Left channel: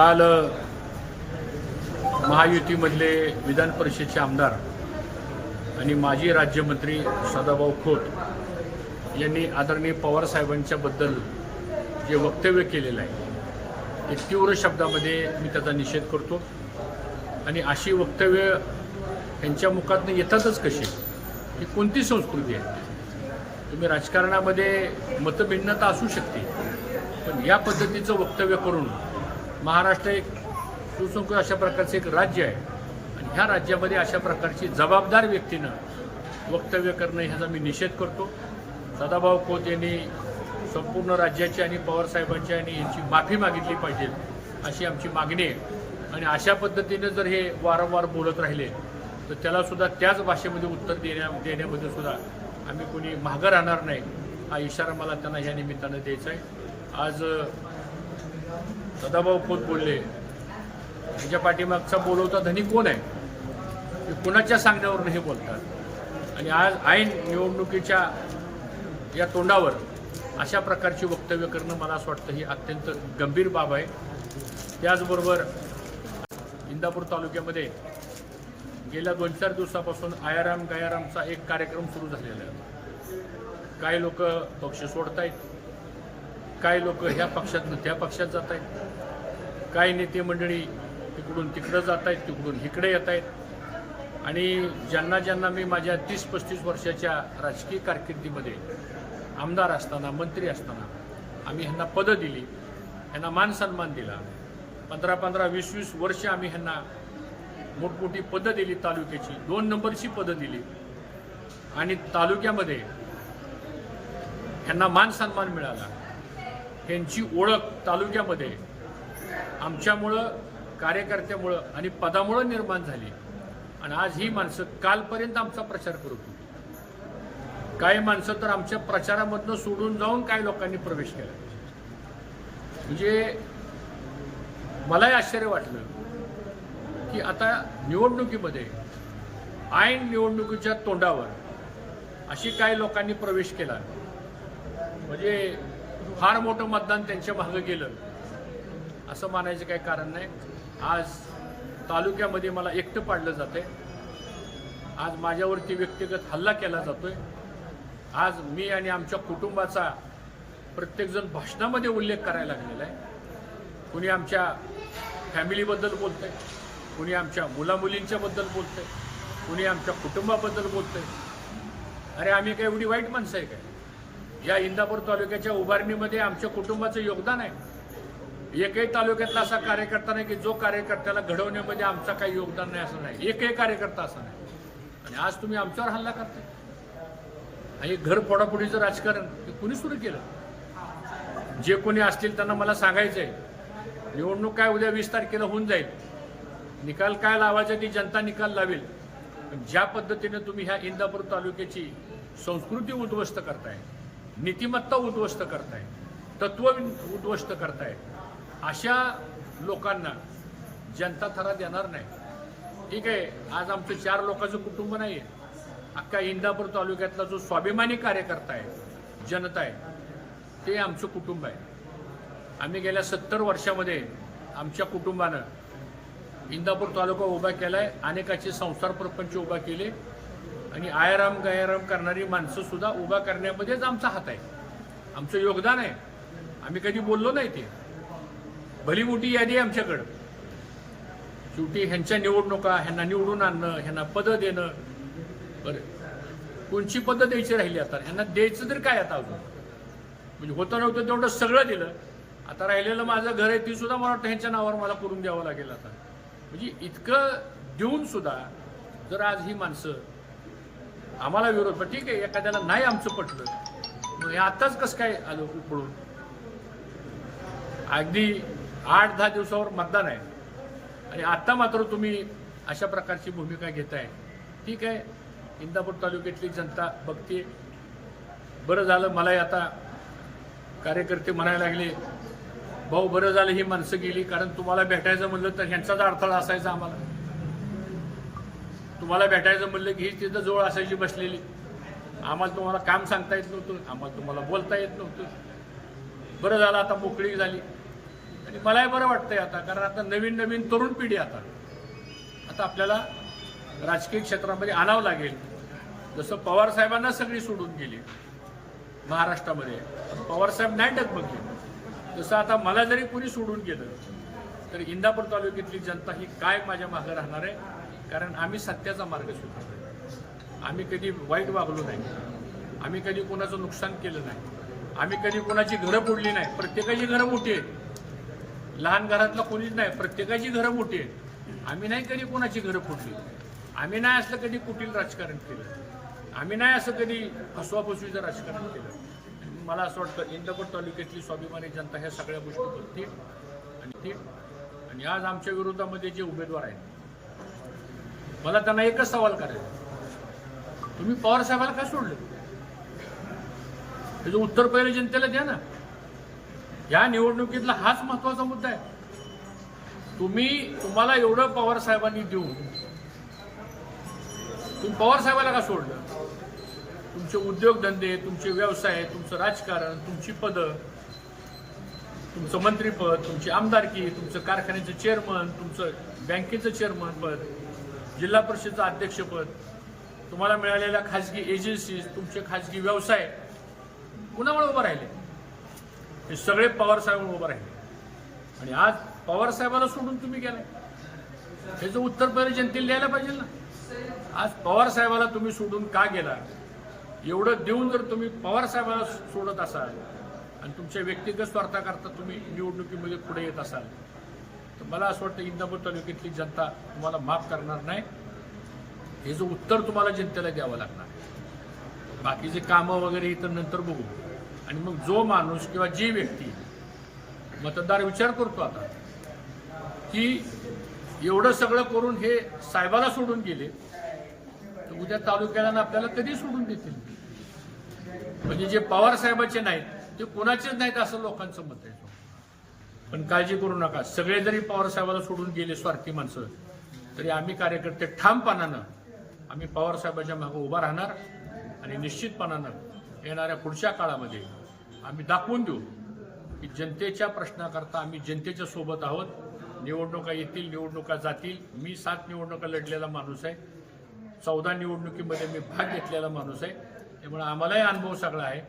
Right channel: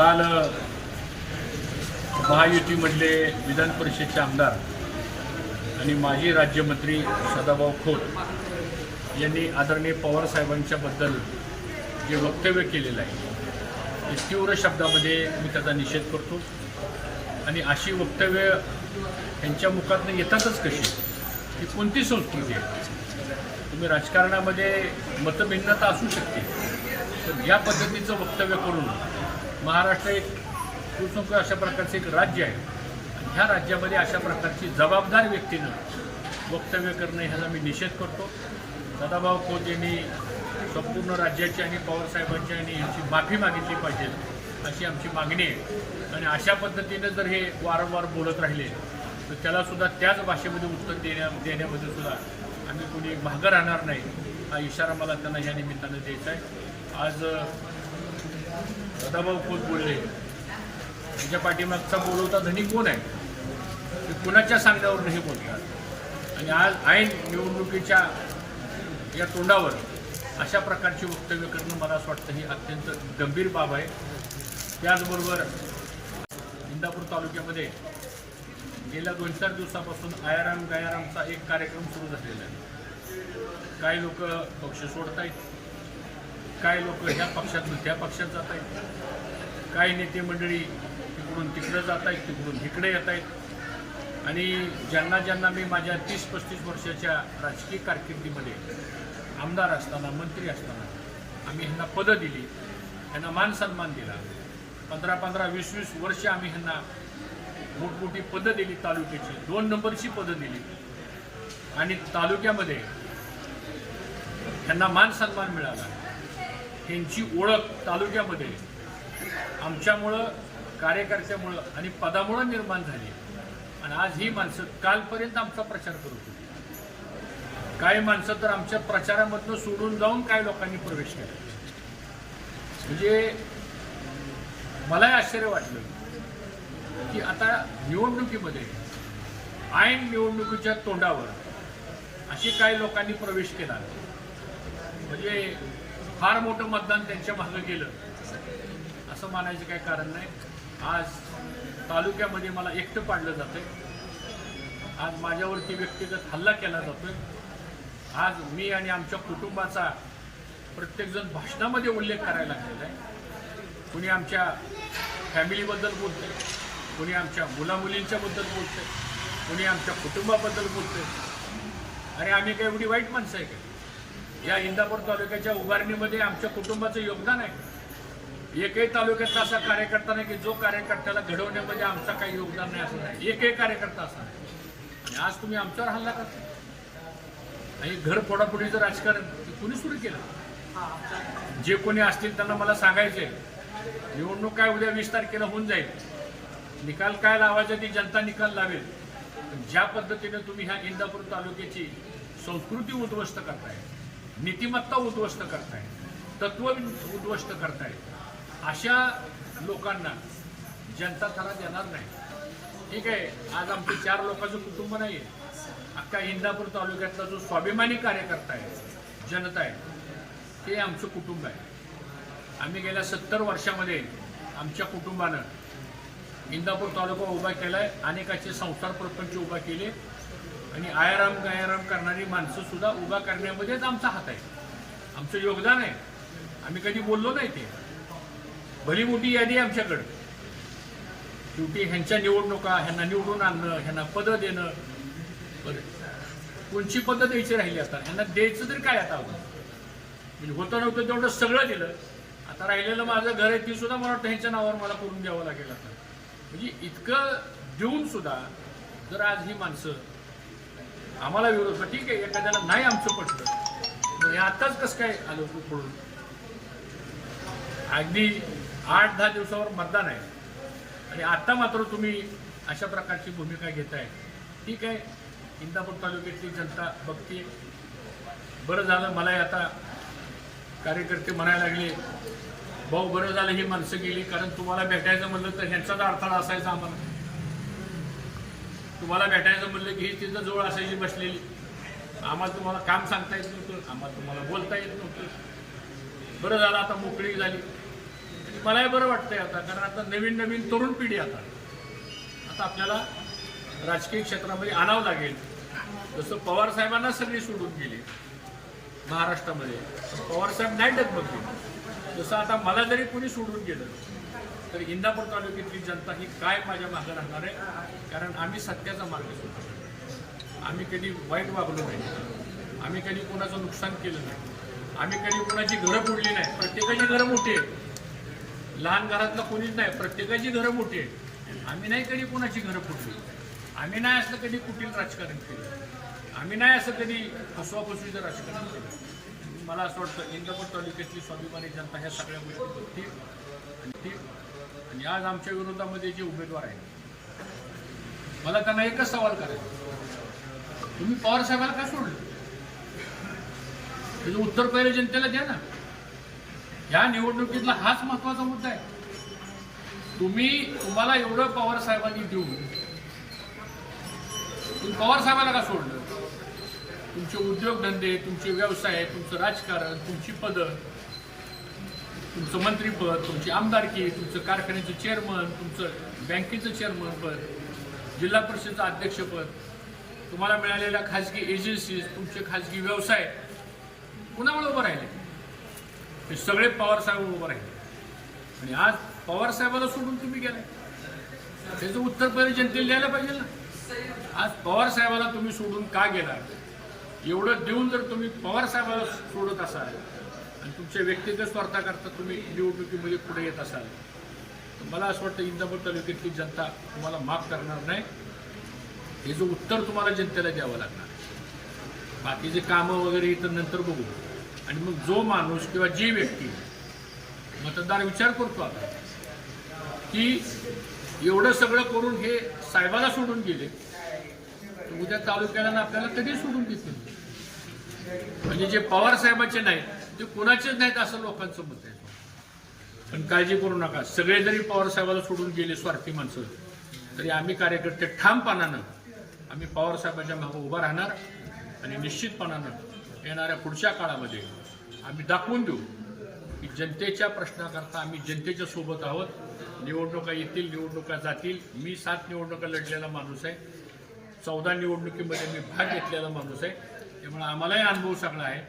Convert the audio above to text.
काल महायुतीमधले विधान परिषदेचे आमदार आणि माजी राज्यमंत्री सदाभाऊ खोत यांनी आदरणीय पवार साहेबांच्याबद्दल जे वक्तव्य केलेलं आहे ते तीव्र शब्दामध्ये मी त्याचा निषेध करतो। आणि अशी वक्तव्य त्यांच्या मुखातून येतातच कशी? ही कोणती संस्कृती आहे? तुम्ही राजकारणामध्ये मतभिन्नता असू शकते, पण या पद्धतीचं वक्तव्य करून महाराष्ट्र एक सुसंख्य अशा प्रकारचं एक राज्य आहे आणि ह्या राज्यामध्ये अशा प्रकारची जबाबदार व्यक्तीनं वक्तव्य करणं ह्याचा मी निषेध करतो। सदाभाऊ खोत यांनी संपूर्ण राज्याची आणि पवारसाहेबांची आणि यांची माफी मागितली पाहिजे अशी आमची मागणी आहे। आणि अशा पद्धतीनं जर हे वारंवार बोलत राहिले तर त्यालासुद्धा त्याच भाषेमध्ये उत्तर देण्यामध्ये सुद्धा आम्ही कोणी मागं राहणार नाही, हा इशारा मला त्यांना ह्या निमित्तानं द्यायचा आहे। आज सदाभाऊ खोत बोलले, त्याच्या पाठीमागचा बोलवता धनी कोण आहे? ते कुणाच्या सांगण्यावर हे बोलतात आणि आज ऐन निवडणुकीच्या या तोंडावर अशा प्रकारची वक्तव्य करणं मला असं वाटतं ही अत्यंत गंभीर बाब आहे। त्याचबरोबर इंदापूर तालुक्यामध्ये गेल्या 2-4 दिवसापासून आयाराम गायारामचा एक कार्यक्रम सुरू झालेला आहे। काही लोक पक्ष सोडत आहेत, काही लोक ह्या पक्षातून त्या पक्षात जात आहेत, काही नेते मंडळी तिकडून तिकडं जात आहेत, तिकडून इकडे येत आहेत। आणि ज्यांना ज्यांना मी माझ्या 30-35 वर्षाच्या राजकीय कारकिर्दीमध्ये आमदार असताना मंत्री असताना आम्ही ह्यांना पदं दिली, ह्यांना मान सन्मान दिला। 15-15, 20-20 वर्ष आम्ही ह्यांना मोठमोठी पदं दिली, तालुक्याची 2 नंबरची पदं दिली आणि तालुक्यामध्ये ह्यांना मान सन्मान मिळाला। ह्यांची ओळख तालुक्यामध्ये आमच्यामुळं, कार्यकर्त्यामुळं आणि पदामुळं निर्माण झाली। आणि आज ही माणसं कालपर्यंत आमचा प्रचार करत होती, काही माणसं तर आमच्या प्रचारामधनं सोडून जाऊन काही लोकांनी प्रवेश केला। म्हणजे मलाही आश्चर्य वाटलं की आता निवडणुकीमध्ये ऐन निवडणुकीच्या तोंडावर अशी काही लोकांनी प्रवेश केला, म्हणजे फार मोठं मतदान त्यांच्या मागं गेलं असं मानायचं काही कारण नाही। आज तालुक्यामध्ये मला एकटं पाडलं जातंय, आज माझ्यावरती व्यक्तिगत हल्ला केला जातोय। आज मी आणि आमच्या कुटुंबाचा प्रत्येकजण भाषणामध्ये उल्लेख करायला लागलेला आहे। कुणी आमच्या फॅमिलीबद्दल बोलतंय, कुणी आमच्या मुलामुलींच्याबद्दल बोलतंय, कुणी आमच्या कुटुंबाबद्दल बोलतंय। अरे आम्ही काय एवढी वाईट माणसं आहे का? या इंदापूर तालुक्याच्या उभारणीमध्ये आमच्या कुटुंबाचं योगदान आहे। एकही तालुक्यातला असा कार्यकर्ता नाही की जो कार्यकर्त्याला घडवण्यामध्ये आमचा काही योगदान नाही असं नाही, एकही कार्यकर्ता असा नाही। आणि आज तुम्ही आमच्यावर हल्ला करता आणि घर फोडाफोडीचं राजकारण ते कुणी सुरू केलं? जे कोणी असतील त्यांना मला सांगायचंय, निवडणूक काय उद्या 20 तारखेला होऊन जाईल, निकाल काय लावायचा ती जनता निकाल लावेल। पण ज्या पद्धतीनं तुम्ही ह्या इंदापूर तालुक्याची संस्कृती उद्ध्वस्त करताय, नीतिमत्ता उद्ध्वस्त करताय, तत्व उद्ध्वस्त करताय, अशा लोकांना जनता थरा देणार नाही। ठीक आहे, आज आमचं 4 लोकांचं कुटुंब नाही आहे, अख्खा इंदापूर तालुक्यातला जो स्वाभिमानी कार्यकर्ता आहे, जनता आहे, ते आमचं कुटुंब आहे। आम्ही गेल्या 70 वर्षामध्ये आमच्या कुटुंबानं इंदापूर तालुका उभा केलाय, अनेकाचे संसार प्रपंच उभा केले आणि आयाराम गायाराम करणारी माणसं सुद्धा उभा करण्यामध्येच आमचा हात आहे, आमचं योगदान आहे। आम्ही कधी बोललो नाही, ते भली मोठी यादी आहे आमच्याकडं। शेवटी ह्यांच्या निवडणुका, ह्यांना निवडून आणणं, ह्यांना पदं देणं, बरं कोणची पदं द्यायची राहिली? आता ह्यांना द्यायचं तर काय? आता अजून म्हणजे होतं नव्हतं तेवढं सगळं दिलं, आता राहिलेलं माझं घर आहे ती सुद्धा मला वाटतं ह्यांच्या नावावर मला करून द्यावं लागेल आता। म्हणजे इतकं देऊन सुद्धा जर आज ही माणसं आम्हाला विरोध, ठीक आहे एखाद्याला नाही आमचं पटलं, हे आताच कसं काय आलं पळून? अगदी 8-10 दिवसावर मतदान आहे आणि आता मात्र तुम्ही अशा प्रकारची भूमिका घेताय। ठीक आहे, इंदापूर तालुक्यातली जनता बघते, बरं झालं। मलाही आता कार्यकर्ते म्हणायला लागले, भाऊ बरं झालं ही माणसं गेली, कारण तुम्हाला भेटायचं म्हणलं तर ह्यांचाच अडथळा असायचा आम्हाला। तुम्हाला भेटायचं म्हणलं की ही तिथं जवळ असायची बसलेली, आम्हाला तुम्हाला काम सांगता येत नव्हतं, आम्हाला तुम्हाला बोलता येत नव्हतं। बरं झालं आता मोकळी झाली, आणि मलाही बरं वाटतंय आता, कारण आता नवीन नवीन तरुण पिढी आता आपल्याला राजकीय क्षेत्रामध्ये आणावं लागेल. जसं पवार साहेबांना सगळी सोडून गेली महाराष्ट्रामध्ये, पवार साहेब नाही डगमगले. जसं आता मला जरी कोणी सोडून गेलं तर इंदापूर तालुक्यातली जनता ही काय माझ्या मागे राहणार आहे, कारण आम्ही सत्याचा मार्ग शोधतो. आम्ही कधी वाईट वागलो नाही, आम्ही कधी कोणाचं नुकसान केलं नाही, आम्ही कधी कोणाची घरं फोडली नाही. प्रत्येकाची घरं मोठी आहेत, लहान घरातलं कोणीच नाही, प्रत्येकाची घरं मोठी आहेत. आम्ही नाही कधी कोणाची घरं फोडली, आम्ही नाही असं कधी कुटील राजकारण केलं, आम्ही नाही असं कधी फसवाफसवीचं राजकारण केलं. मला असं वाटतं इंदापूर तालुक्यातली स्वाभिमानी जनता ह्या सगळ्या गोष्टी बघतील. आणि आज आमच्या विरोधामध्ये जे उमेदवार आहेत, मला त्यांना एकच सवाल करायचा, तुम्ही पवार साहेबाला का सोडलं? त्याचं उत्तर पहिले जनतेला द्या ना. या निवडणुकीतला हाच महत्वाचा मुद्दा आहे. तुम्हाला एवढं पवार साहेबांनी देऊन तुम्ही पवार साहेबाला का सोडलं? तुमचे उद्योगधंदे, तुमचे व्यवसाय, तुमचं राजकारण, तुमची पदं, तुमचं मंत्रीपद, तुमची आमदारकी, तुमचं कारखान्याचं चेअरमन, तुमचं बँकेचं चेअरमन पद, जिल्हा परिषदेचं अध्यक्षपद, तुम्हाला मिळालेल्या खाजगी एजन्सीज, तुमचे खाजगी व्यवसाय कुणामुळे उभं राहिले? हे सगळे पवार साहेब उभं राहिले. आणि आज पवार साहेबाला सोडून तुम्ही गेलाय, त्याचं उत्तर पहिले जनतेला द्यायला पाहिजे ना. आज पवार साहेबाला तुम्ही सोडून का गेला? एवढं देऊन जर तुम्ही पवार साहेबाला सोडत असाल आणि तुमच्या व्यक्तिगत स्वार्थाकरता तुम्ही निवडणुकीमध्ये पुढे येत असाल, तर मला असं वाटतं इंदापूर तालुक्यातली जनता तुम्हाला माफ करणार नाही. हे जो उत्तर तुम्हाला जनतेला द्यावं लागणार. बाकीचे कामं वगैरे इथं नंतर बघू. आणि मग जो माणूस किंवा जी व्यक्ती मतदार विचार करतो आता की एवढं सगळं करून हे साहेबाला सोडून गेले, तर उद्या तालुक्याला आपल्याला कधी सोडून देतील? म्हणजे जे पवार साहेबाचे नाहीत ते कोणाचेच नाहीत असं लोकांचं मत आहे. पण काळजी करू नका, सगळे जरी पवार साहेबाला सोडून गेले स्वार्थी माणसं, तरी आम्ही कार्यकर्ते ठामपणानं आम्ही पवार साहेबांच्या मागे उभा राहणार. आणि निश्चितपणानं येणाऱ्या पुढच्या काळामध्ये आम्ही दाखवून देऊ की जनतेच्या प्रश्नाकरता आम्ही जनतेच्या सोबत आहोत. निवडणुका येतील, निवडणुका जातील. मी 7 निवडणुका लढलेला माणूस आहे, 14 निवडणुकीमध्ये मी भाग घेतलेला माणूस आहे. त्यामुळे आम्हालाही अनुभव सगळा आहे.